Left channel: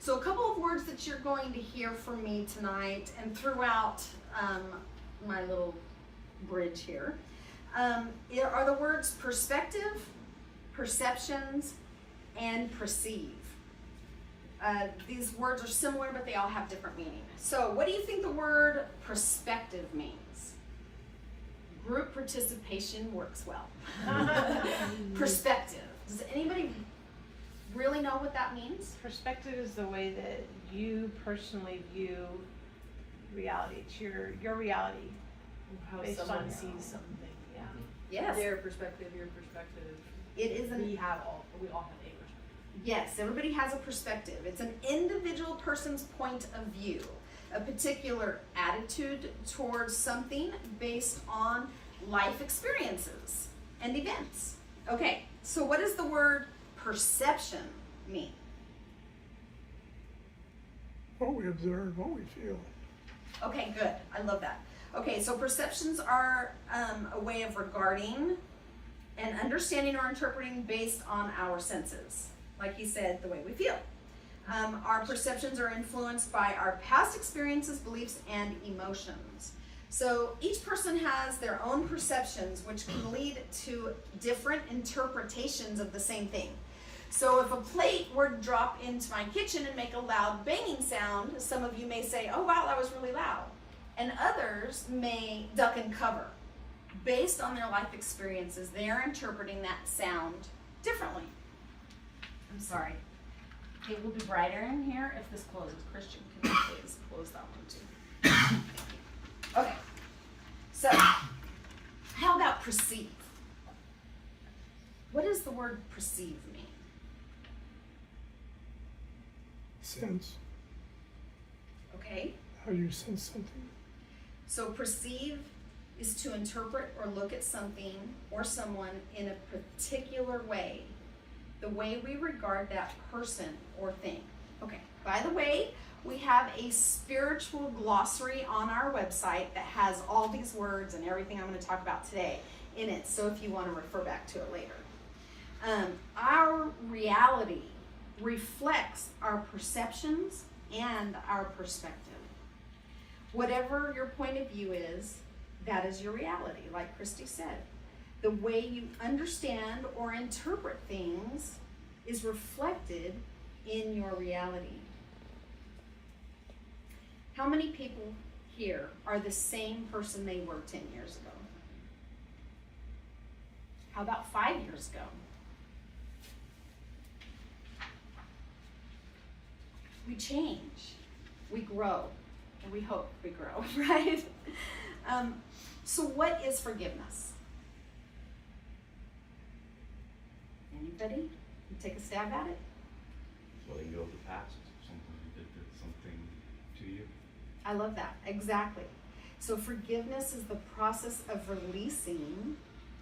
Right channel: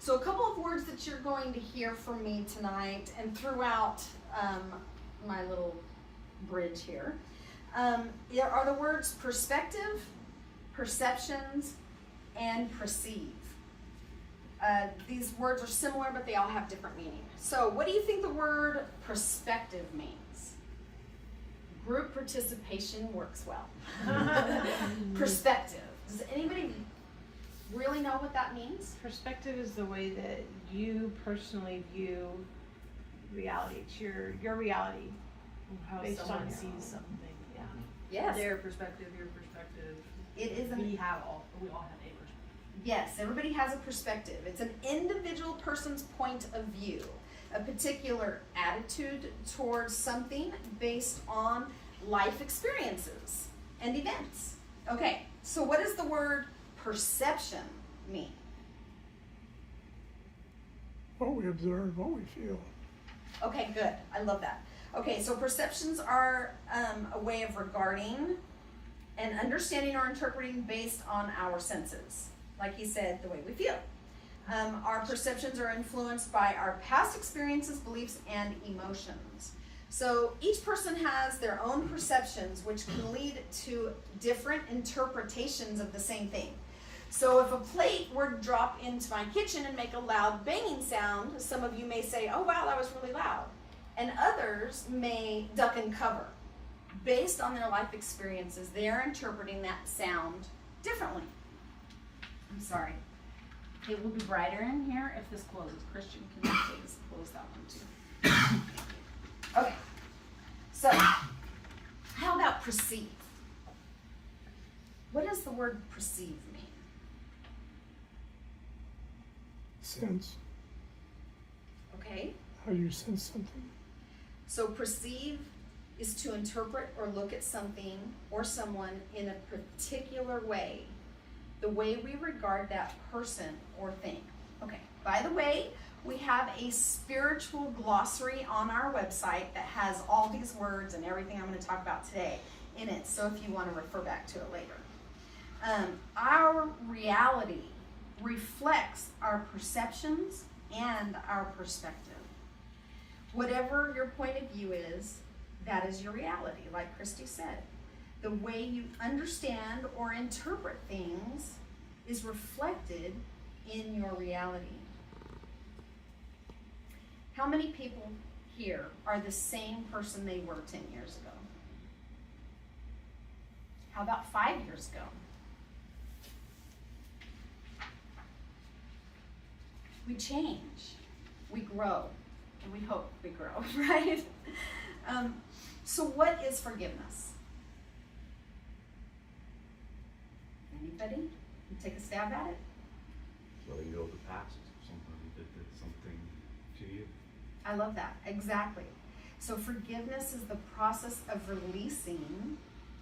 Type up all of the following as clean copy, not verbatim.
So a couple of words that you're going to hear from me tonight and throughout my little bridge here are the words perspective, perceptions, and perceive. These words are similar, but they all have different meaning. So what do you think the word perspective means? Group participation works well. Perspective. Does anybody really know what that means? Perspective is the way that you personally view reality. It's your reality. How Based someone on your sees own. something. Yeah. Yes. Their perspective, your perspective. It is We all have a perspective. Yes, everybody has a perspective. It's an individual person's point of view, a particular attitude towards something based on life experiences and events. Okay, so what does the word perception mean? What we observe, what we feel. Okay, good. I love that. Okay, so perceptions are a way of regarding and understanding or interpreting based on our senses. Like he said, the way we feel. Our perceptions are influenced by our past experiences, beliefs, and emotions. So each person has their own perceptions, which can lead to different interpretations of the same thing. So if a plate were to drop into my kitchen and make a loud banging sound, some of you may say, oh wow, that was really loud. And others may duck and cover. Based on their life experiences, they are interpreting that sound differently. I'm sorry. It will be brighter in here if this closes. Christian, can you please close that one too? Okay. So, how about perceive? What does the word perceive mean? Sense. Okay. How you sense something. So perceive is to interpret or look at something or someone in a particular way, the way we regard that person or thing. Okay, by the way, we have a spiritual glossary on our website that has all these words and everything I'm going to talk about today in it, so if you want to refer back to it later. Our reality reflects our perceptions and our perspective. Whatever your point of view is, that is your reality, like Christy said. The way you understand or interpret things is reflected in your reality. How many people here are the same person they were 10 years ago? How about 5 years ago? We change, we grow, and we hope we grow, right? So what is forgiveness? Anybody? You take a stab at it? Letting go of the past, something that did something to you. I love that, exactly. So forgiveness is the process of releasing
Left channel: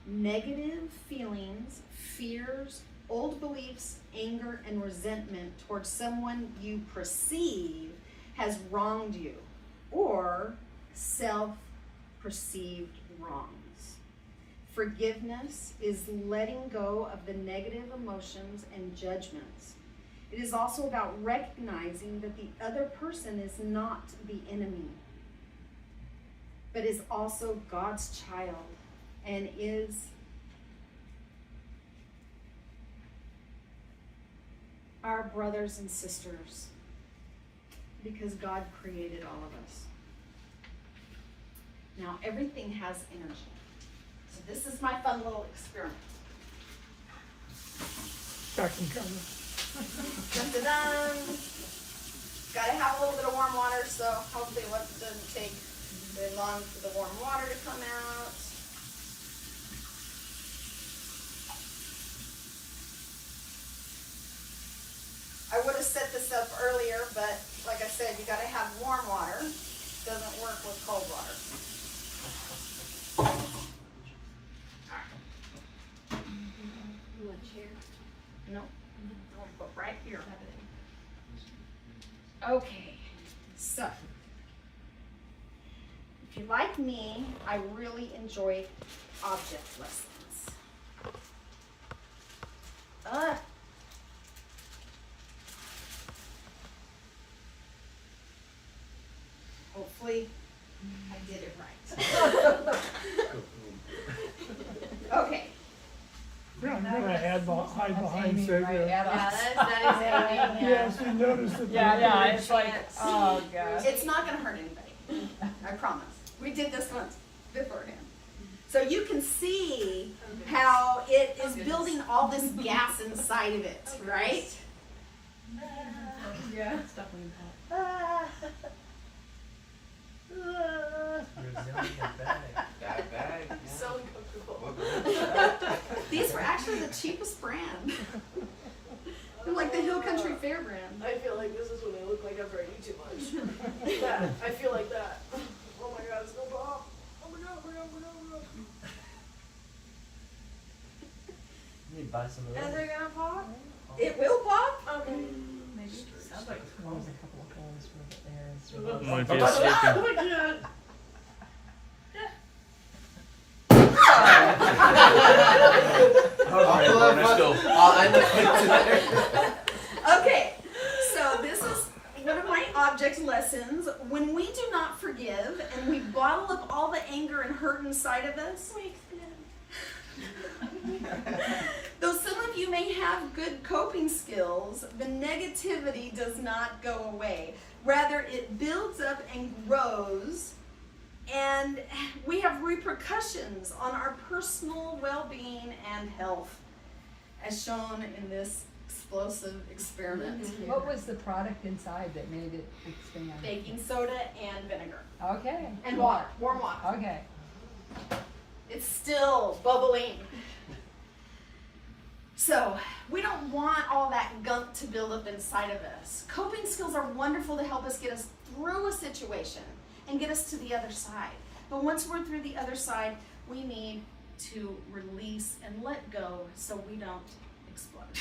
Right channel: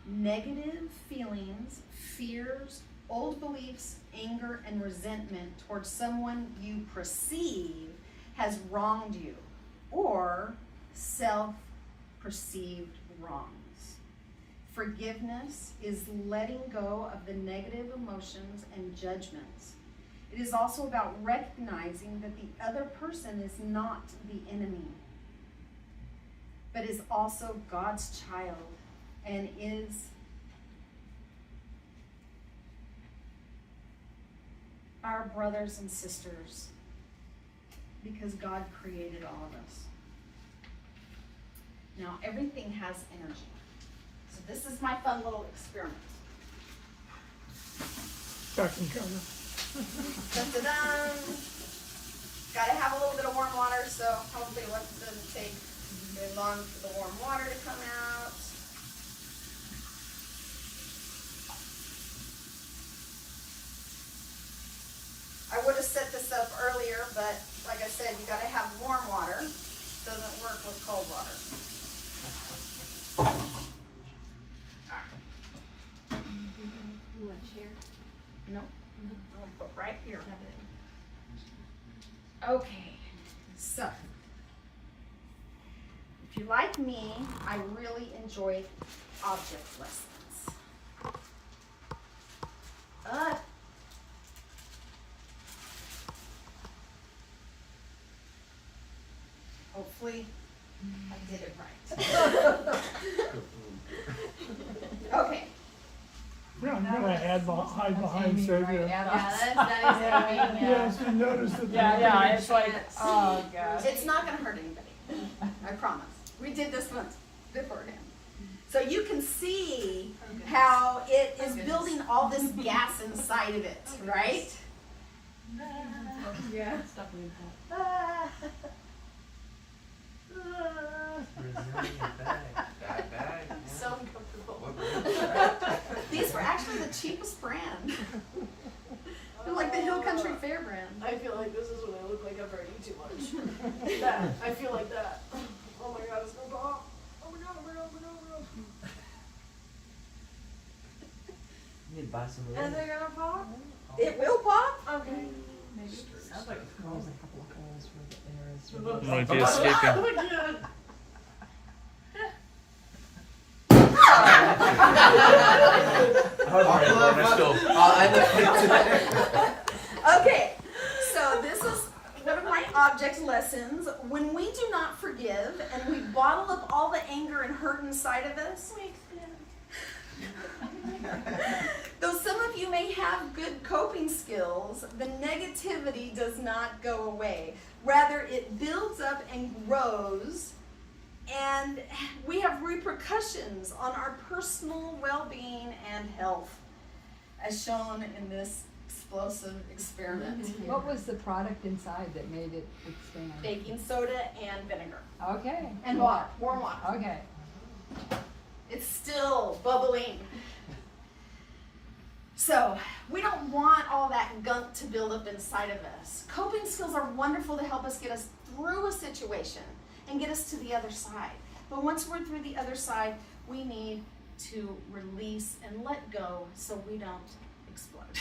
negative feelings, fears, old beliefs, anger, and resentment towards someone you perceive has wronged you or self-perceived wrongs. Forgiveness is letting go of the negative emotions and judgments. It is also about recognizing that the other person is not the enemy, but is also God's child and is our brothers and sisters because God created all of us. Now, everything has energy. So this is my fun little experiment. Back in cover. Dun-dun-dun. Gotta have a little bit of warm water, so hopefully it doesn't take very long for the warm water to come out. I would have set this up earlier, but like I said, you gotta have warm water. Doesn't work with cold water. You want a chair? No, I'm gonna put right here. Okay, so if you're like me, I really enjoy object lessons. hopefully I did it right. Okay. Yeah, I'm gonna hide behind Savior. Yeah. Yes, you noticed that. Yeah, it's like, oh gosh. It's not gonna hurt anybody. I promise. We did this once beforehand. So you can see how it is building all this gas inside of it, right? Yeah. Stuff when you pop. Bad bag. So uncomfortable. These were actually the cheapest brand. They're like the Hill Country Fair brand. I feel like this is what I look like after I eat too much. That. I feel like that. Oh my god, it's gonna pop. Oh my god, oh my god, oh my god, oh my god. You need to buy some of those. And they're gonna pop? It will pop. Okay. Maybe. Sounds like it's cold. There's a couple of holes where the air is. Might be escaping. Oh my god. Okay, so this is one of my object lessons. When we do not forgive and we bottle up all the anger and hurt inside of us, though some of you may have good coping skills, the negativity does not go away. Rather, it builds up and grows, and we have repercussions on our personal well-being and health, as shown in this explosive experiment. What was the product inside that made it expand? Baking soda and vinegar. Okay. And water, warm water. Okay. It's still bubbling. So, we don't want all that gunk to build up inside of us. Coping skills are wonderful to help us get us through a situation and get us to the other side. But once we're through the other side, we need to release and let go so we don't explode.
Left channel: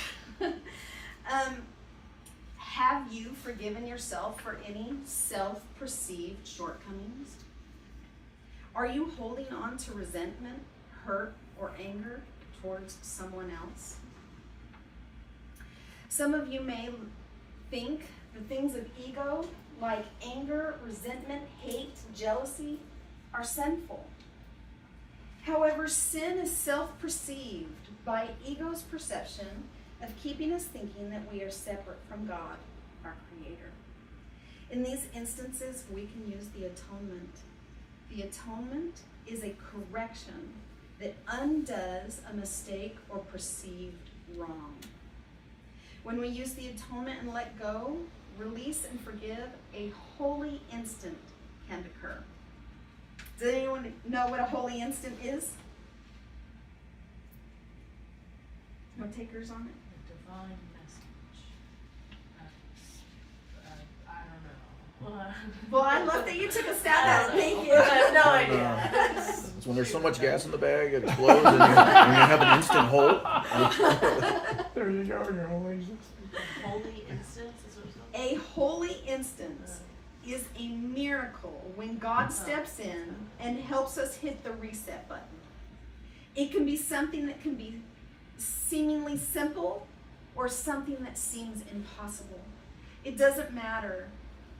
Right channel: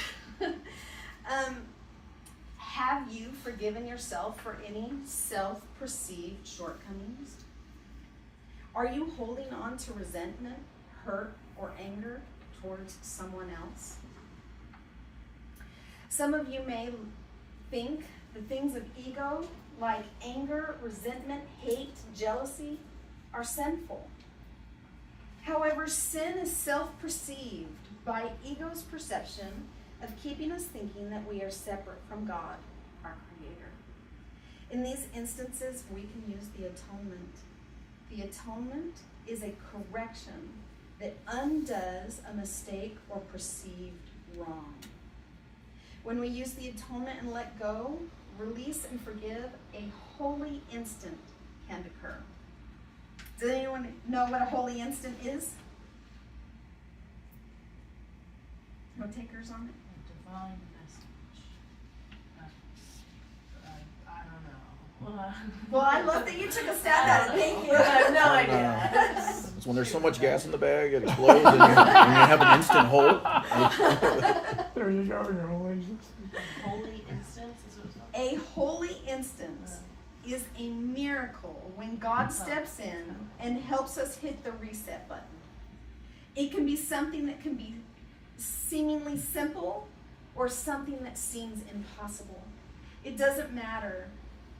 Have you forgiven yourself for any self-perceived shortcomings? Are you holding on to resentment, hurt, or anger towards someone else? Some of you may think the things of ego, like anger, resentment, hate, jealousy, are sinful. However, sin is self-perceived by ego's perception of keeping us thinking that we are separate from God, our Creator. In these instances, we can use the atonement. The atonement is a correction that undoes a mistake or perceived wrong. When we use the atonement and let go, release and forgive, a holy instant can occur. Does anyone know what a holy instant is? No takers on it? Divine message. I don't know. Well, I love that you took a stab at it. Thank you. I have no idea. It's when there's so much gas in the bag it explodes and you have an instant hole. There you go, your holy instant. Holy instance is what it's called? A holy instance is a miracle when God steps in and helps us hit the reset button. It can be something that can be seemingly simple or something that seems impossible. It doesn't matter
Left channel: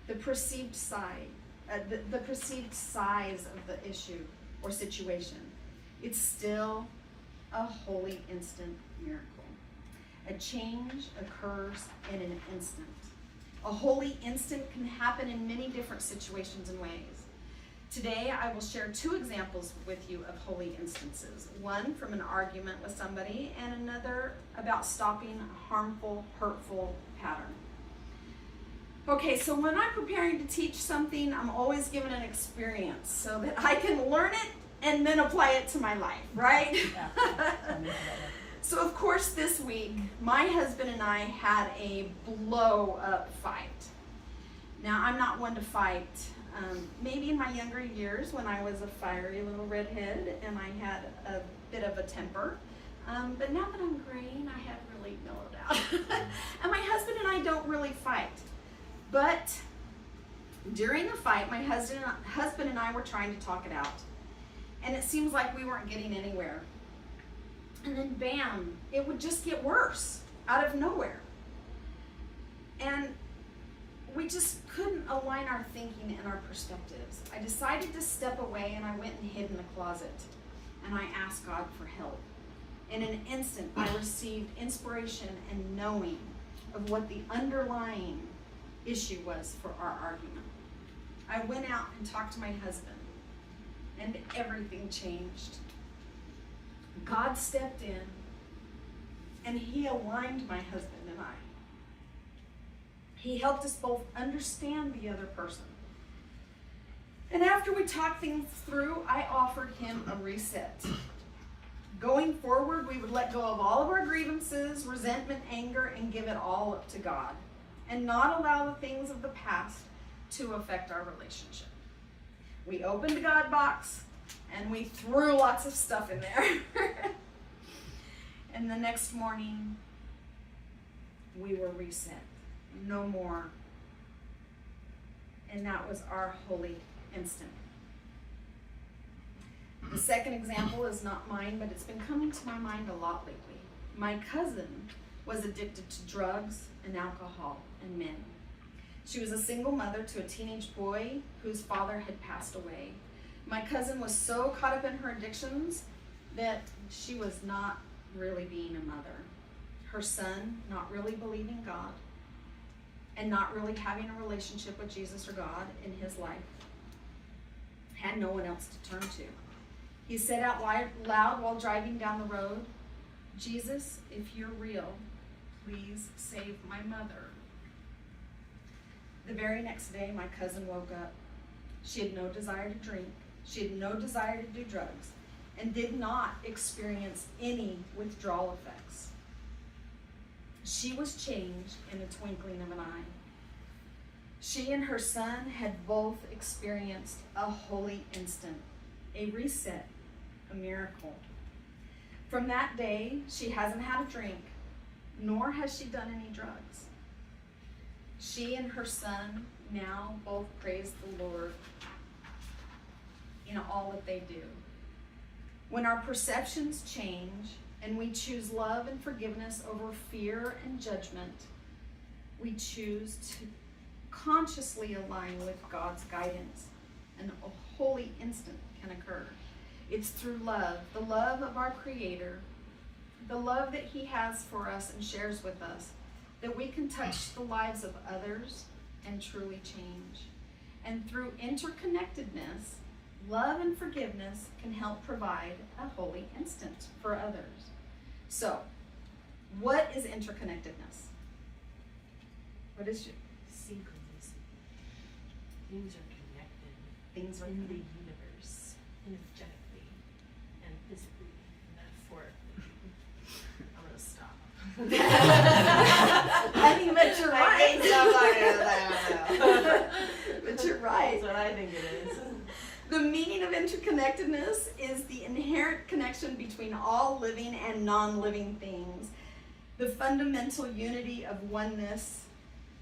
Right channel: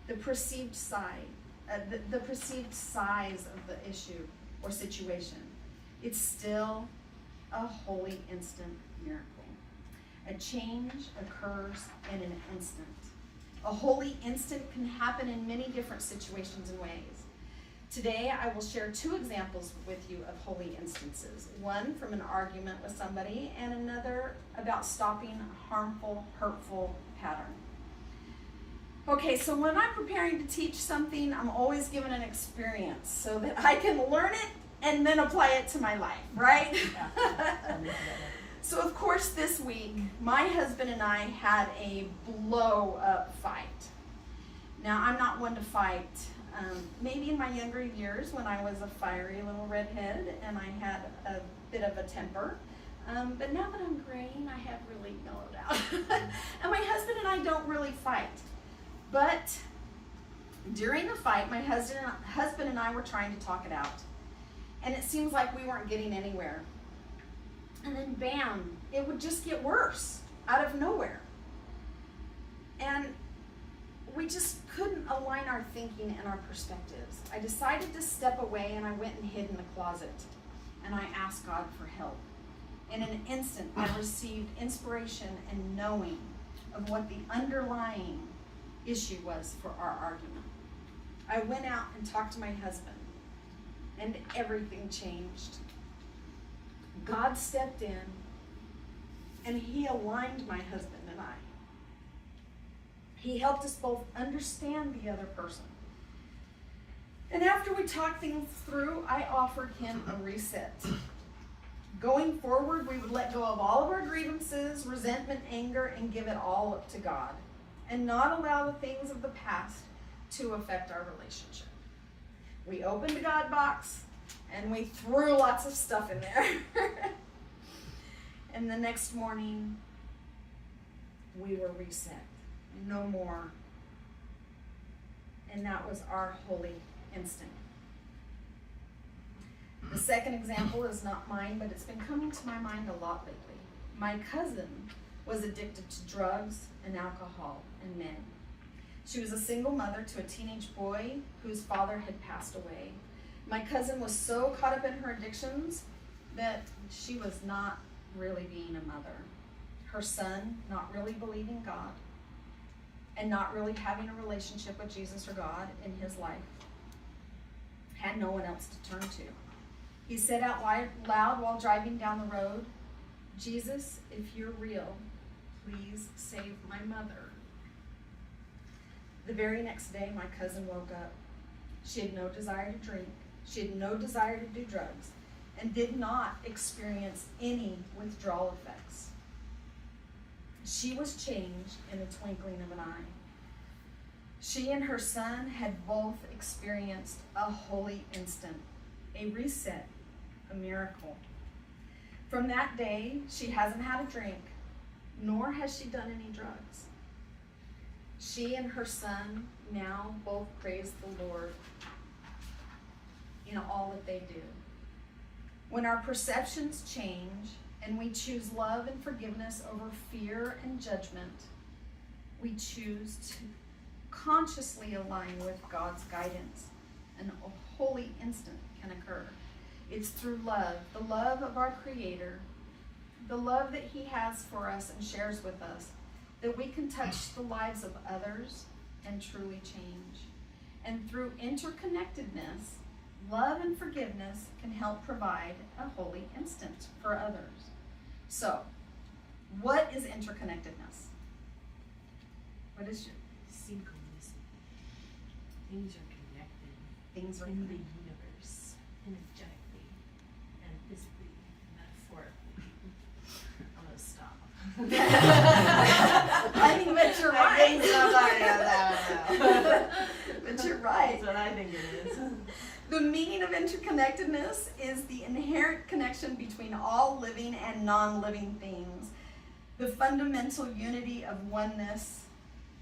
the perceived size of the issue or situation. It's still a holy instant miracle. A change occurs in an instant. A holy instant can happen in many different situations and ways. Today, I will share 2 examples with you of holy instances. One from an argument with somebody, and another about stopping a harmful, hurtful pattern. Okay, so when I'm preparing to teach something, I'm always given an experience so that I can learn it and then apply it to my life, right? So of course this week, my husband and I had a blow-up fight. Now, I'm not one to fight. Maybe in my younger years when I was a fiery little redhead and I had a bit of a temper. But now that I'm graying, I have really mellowed out. And my husband and I don't really fight. But during the fight, my husband and I were trying to talk it out. And it seems like we weren't getting anywhere. And then bam, it would just get worse out of nowhere. And we we just couldn't align our thinking and our perspectives. I decided to step away, and I went and hid in the closet, and I asked God for help. In an instant, I received inspiration and knowing of what the underlying issue was for our argument. I went out and talked to my husband, and everything changed. God stepped in, and he aligned my husband and I. He helped us both understand the other person. And after we talked things through, I offered him a reset. Going forward, we would let go of all of our grievances, resentment, anger, and give it all up to God, and not allow the things of the past to affect our relationship. We opened the God box, and we threw lots of stuff in there. And the next morning, we were reset. No more. And that was our holy instant. The second example is not mine, but it's been coming to my mind a lot lately. My cousin was addicted to drugs and alcohol and men. She was a single mother to a teenage boy whose father had passed away. My cousin was so caught up in her addictions that she was not really being a mother. Her son not really believing God and not really having a relationship with Jesus or God in his life. Had no one else to turn to. He said out loud while driving down the road, "Jesus, if you're real, please save my mother." The very next day, my cousin woke up. She had no desire to drink. She had no desire to do drugs and did not experience any withdrawal effects. She was changed in a twinkling of an eye. She and her son had both experienced a holy instant, a reset, a miracle. From that day, she hasn't had a drink, nor has she done any drugs. She and her son now both praise the Lord in all that they do. When our perceptions change and we choose love and forgiveness over fear and judgment, we choose to consciously align with God's guidance, and a holy instant can occur. It's through love, the love of our Creator, the love that He has for us and shares with us, that we can touch the lives of others and truly change. And through interconnectedness, love and forgiveness can help provide a holy instant for others. So, what is interconnectedness? What is it? Synchronicity. Things are connected. Things are in the universe, energetically and physically and metaphorically. I'm gonna stop. I mean, but you're I right. think so. But you're right. That's what I think it is. The meaning of interconnectedness is the inherent connection between all living and non-living things, the fundamental unity of oneness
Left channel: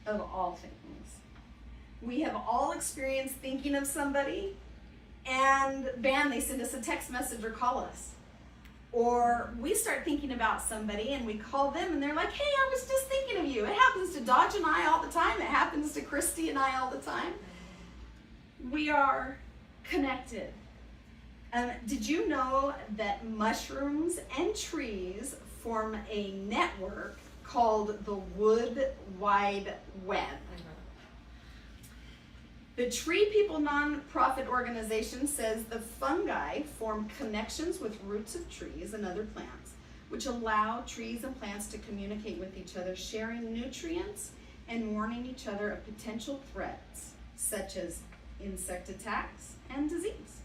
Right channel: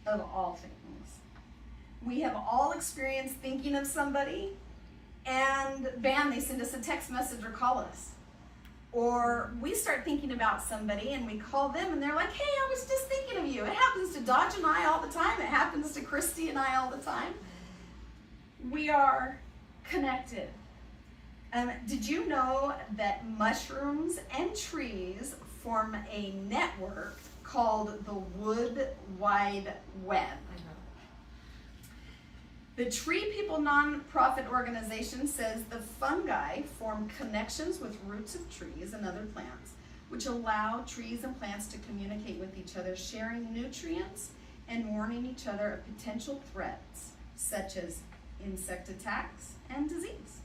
of all things. We have all experienced thinking of somebody, and bam, they send us a text message or call us. Or we start thinking about somebody and we call them and they're like, "Hey, I was just thinking of you." It happens to Dodge and I all the time. It happens to Christy and I all the time. We are connected. Did you know that mushrooms and trees form a network called the Wood Wide Web? The Tree People nonprofit organization says the fungi form connections with roots of trees and other plants, which allow trees and plants to communicate with each other, sharing nutrients and warning each other of potential threats, such as insect attacks and disease.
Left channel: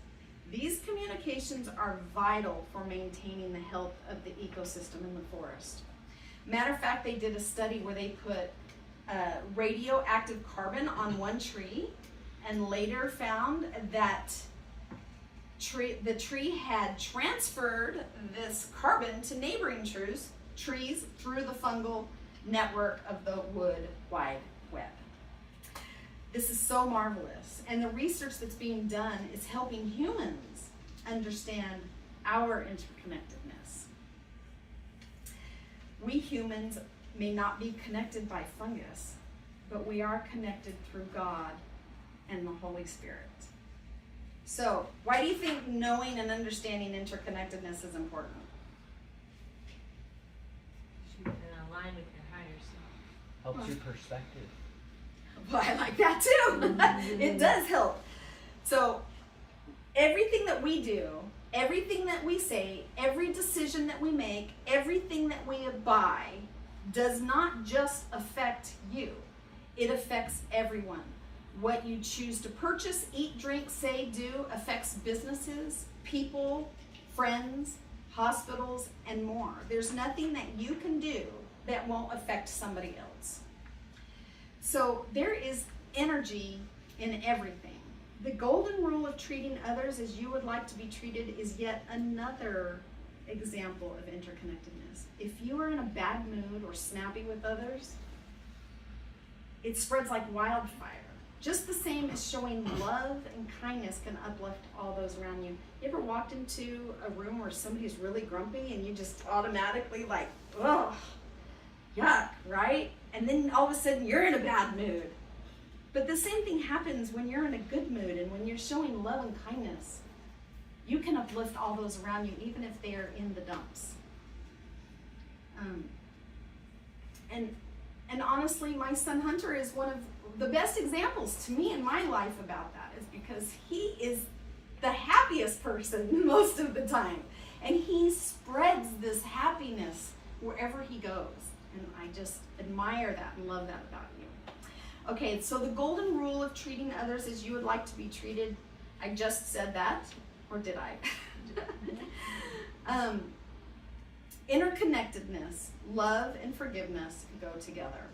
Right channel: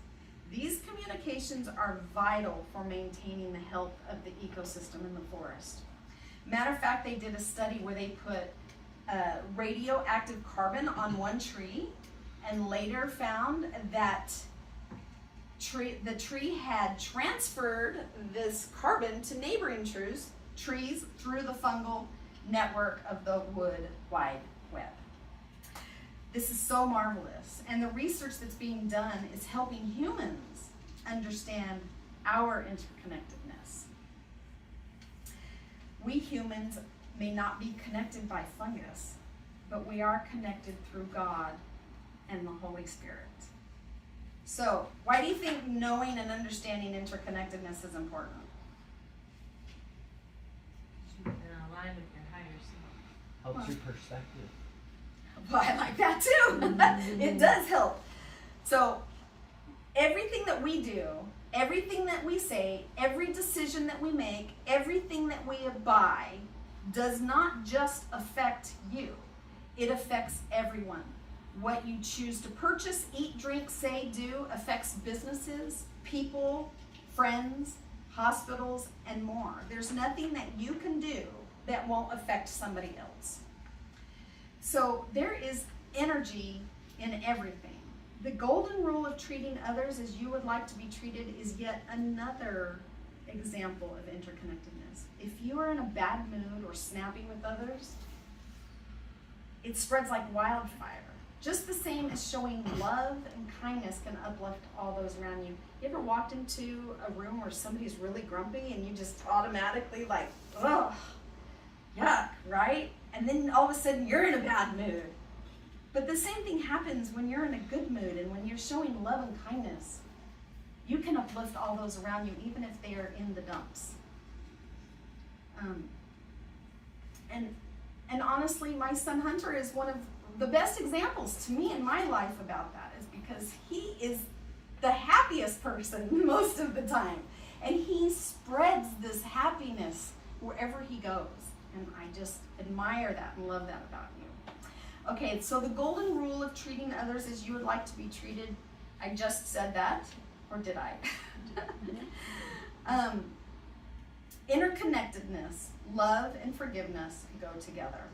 These communications are vital for maintaining the health of the ecosystem in the forest. Matter of fact, they did a study where they put radioactive carbon on one tree and later found that the tree had transferred this carbon to neighboring trees through the fungal network of the Wood Wide Web. This is so marvelous, and the research that's being done is helping humans understand our interconnectedness. We humans may not be connected by fungus, but we are connected through God and the Holy Spirit. So, why do you think knowing and understanding interconnectedness is important? You can align with your higher self. Helps your perspective. Well, I like that too. It does help. So, everything that we do, everything that we say, every decision that we make, everything that we buy does not just affect you. It affects everyone. What you choose to purchase, eat, drink, say, do affects businesses, people, friends, hospitals, and more. There's nothing that you can do that won't affect somebody else. So there is energy in everything. The golden rule of treating others as you would like to be treated is yet another example of interconnectedness. If you are in a bad mood or snappy with others, it spreads like wildfire. Just the same as showing love and kindness can uplift all those around you. You ever walked into a room where somebody's really grumpy and you just automatically like, ugh, yuck, right? And then all of a sudden you're in a bad mood. But the same thing happens when you're in a good mood and when you're showing love and kindness. You can uplift all those around you even if they are in the dumps. And honestly, my son Hunter is one of the best examples to me in my life about that, is because he is the happiest person most of the time. And he spreads this happiness wherever he goes. And I just admire that and love that about you. Okay, so the golden rule of treating others as you would like to be treated, I just said that, or did I? Interconnectedness, love, and forgiveness go together.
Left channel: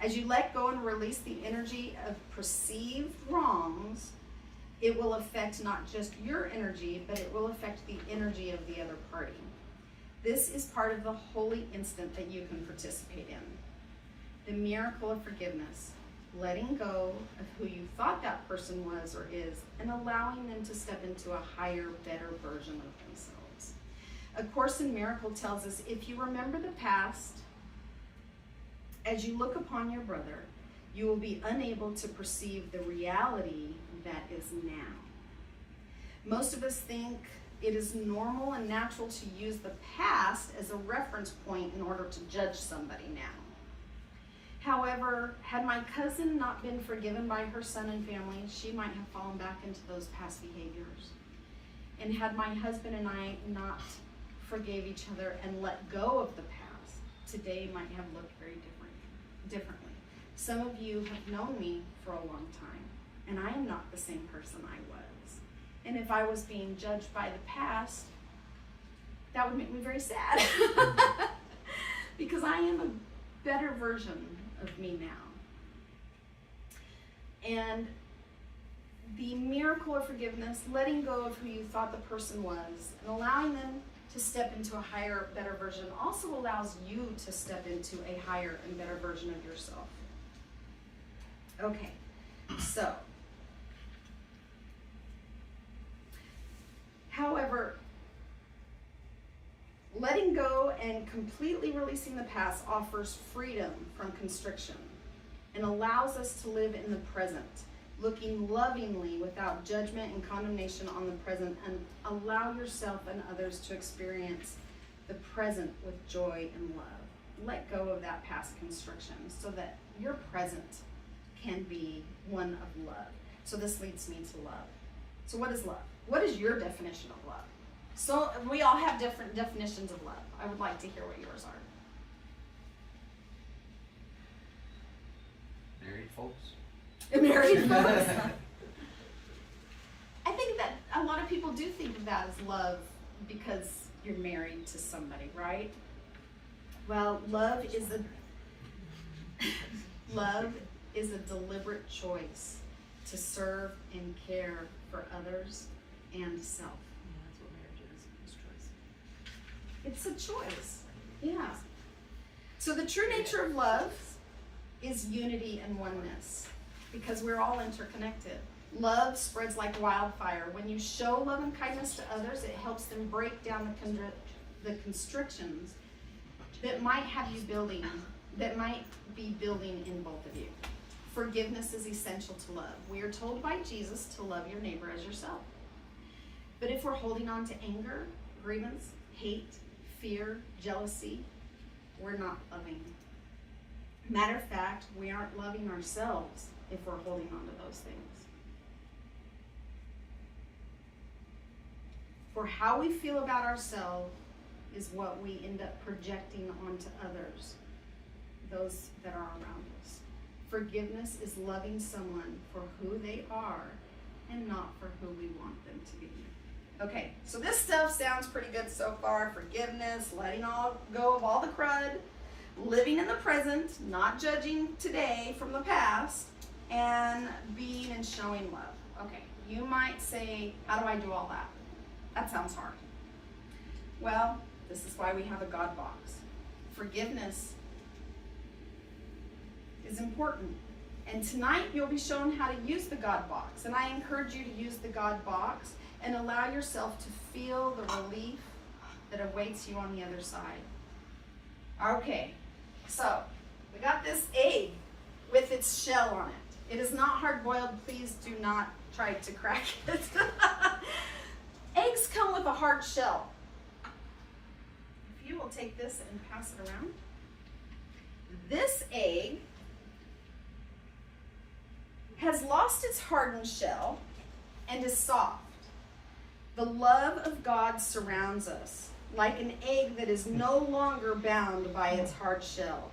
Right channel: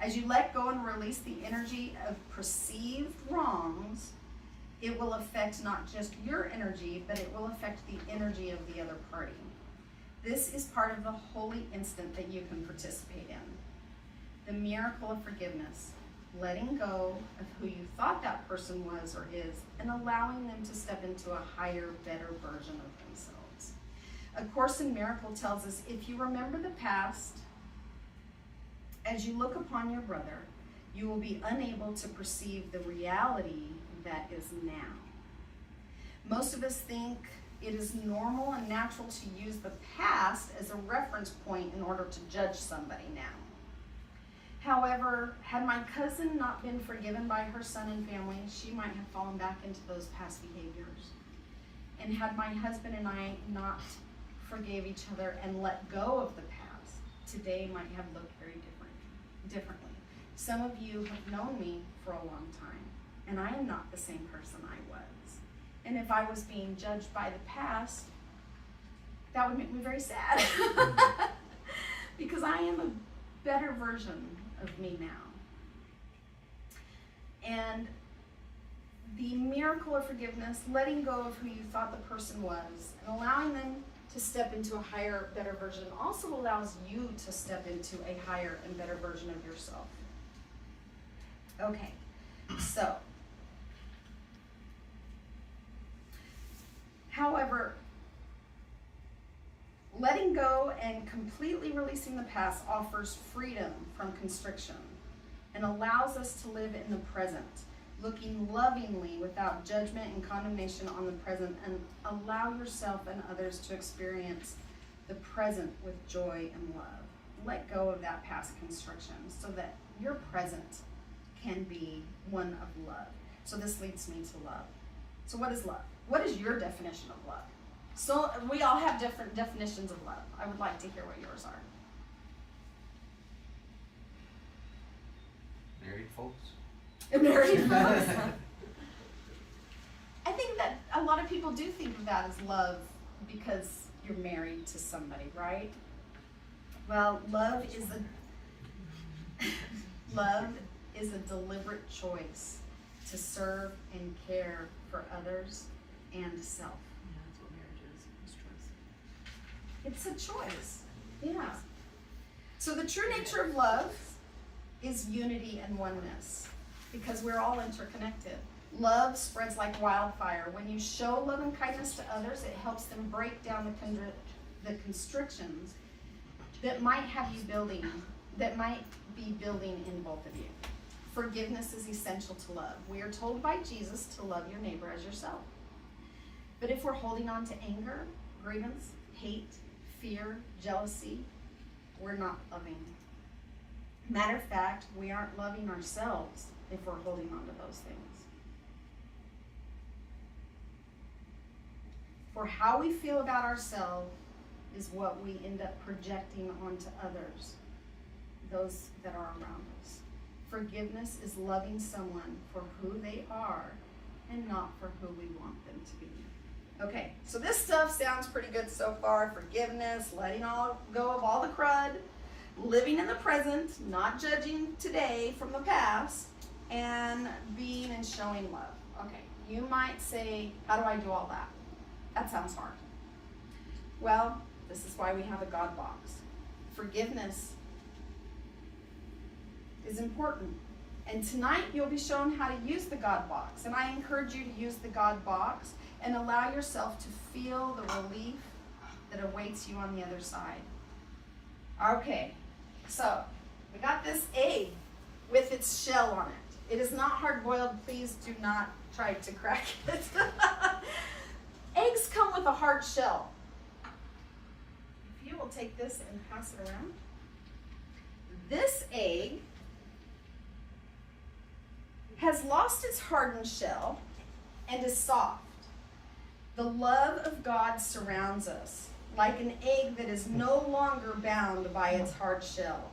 As you let go and release the energy of perceived wrongs, it will affect not just your energy, but it will affect the energy of the other party. This is part of the holy instant that you can participate in. The miracle of forgiveness, letting go of who you thought that person was or is, and allowing them to step into a higher, better version of themselves. A Course in Miracle tells us, if you remember the past, as you look upon your brother, you will be unable to perceive the reality that is now. Most of us think it is normal and natural to use the past as a reference point in order to judge somebody now. However, had my cousin not been forgiven by her son and family, she might have fallen back into those past behaviors. And had my husband and I not forgave each other and let go of the past, today might have looked very differently. Some of you have known me for a long time, and I am not the same person I was. And if I was being judged by the past, that would make me very sad. Because I am a better version of me now. And the miracle of forgiveness, letting go of who you thought the person was, and allowing them to step into a higher, better version, also allows you to step into a higher and better version of yourself. Okay, so, however, letting go and completely releasing the past offers freedom from constriction and allows us to live in the present, looking lovingly without judgment and condemnation on the present, and allow yourself and others to experience the present with joy and love. Let go of that past constriction so that your present can be one of love. So this leads me to love. So what is love? What is your definition of love? So we all have different definitions of love. I would like to hear what yours are. Married folks. Married folks. I think that a lot of people do think of that as love because you're married to somebody, right? Well, love is a deliberate choice to serve and care for others and self. Yeah, that's what marriage is choice. It's a choice. Yeah. So the true nature of love is unity and oneness, because we're all interconnected. Love spreads like wildfire. When you show love and kindness to others, it helps them break down the constrictions that might have you building that might be building in both of you. Forgiveness is essential to love. We are told by Jesus to love your neighbor as yourself. But if we're holding on to anger, grievance, hate, fear, jealousy, we're not loving. Matter of fact, we aren't loving ourselves if we're holding on to those things. For how we feel about ourselves is what we end up projecting onto others, those that are around us. Forgiveness is loving someone for who they are and not for who we want them to be. Okay, so this stuff sounds pretty good so far. Forgiveness, letting go of all the crud, living in the present, not judging today from the past, and being and showing love. Okay, you might say, how do I do all that? That sounds hard. Well, this is why we have a God box. Forgiveness is important. And tonight you'll be shown how to use the God box. And I encourage you to use the God box and allow yourself to feel the relief that awaits you on the other side. Okay, so we got this egg with its shell on it. It is not hard-boiled. Please do not try to crack it. Eggs come with a hard shell. If you will take this and pass it around. This egg has lost its hardened shell and is soft. The love of God surrounds us like an egg that is no longer bound by its hard shell.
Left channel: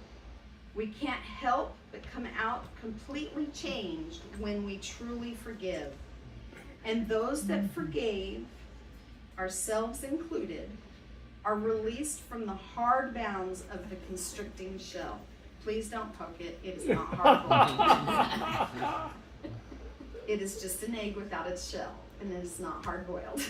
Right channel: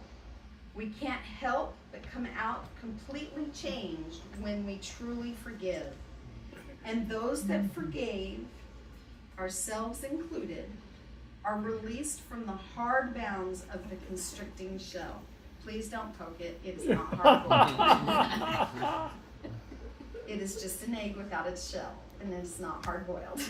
We can't help but come out completely changed when we truly forgive. And those that forgave, ourselves included, are released from the hard bounds of the constricting shell. Please don't poke it. It is not hard-boiled. It is just an egg without its shell, and it is not hard-boiled.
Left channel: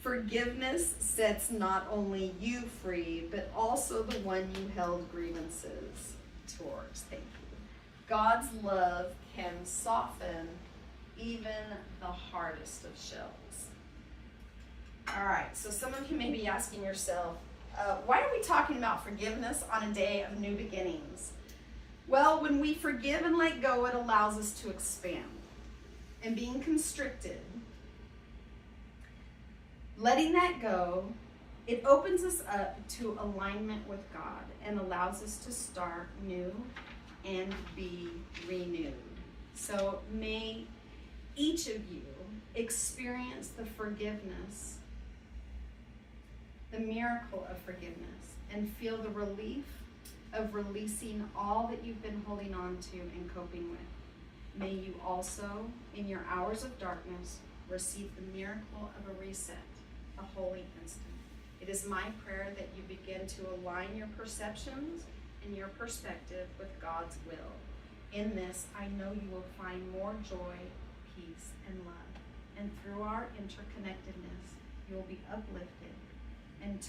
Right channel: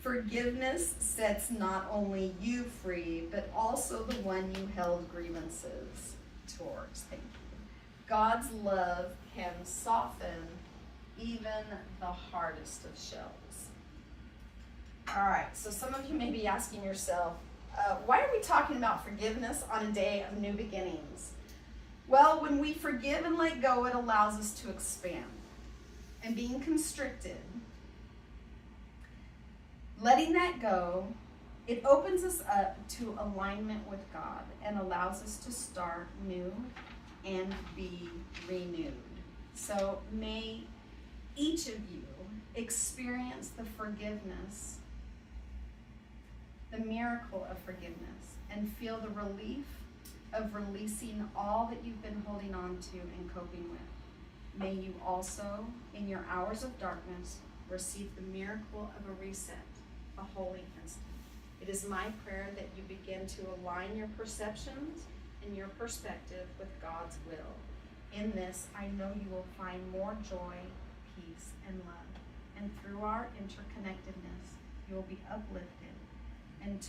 Forgiveness sets not only you free, but also the one you held grievances towards. Thank you. God's love can soften even the hardest of shells. All right, so some of you may be asking yourself, why are we talking about forgiveness on a day of new beginnings? Well, when we forgive and let go, it allows us to expand. And being constricted, letting that go, it opens us up to alignment with God and allows us to start new and be renewed. So may each of you experience the forgiveness, the miracle of forgiveness, and feel the relief of releasing all that you've been holding on to and coping with. May you also, in your hours of darkness, receive the miracle of a reset, a holy instant. It is my prayer that you begin to align your perceptions and your perspective with God's will. In this, I know you will find more joy, peace, and love. And through our interconnectedness, you will be uplifted and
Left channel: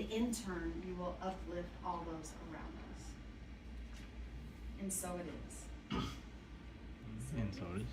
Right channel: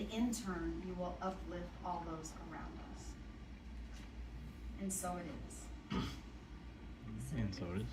in turn, you will uplift all those around us. And so it is. And so it is.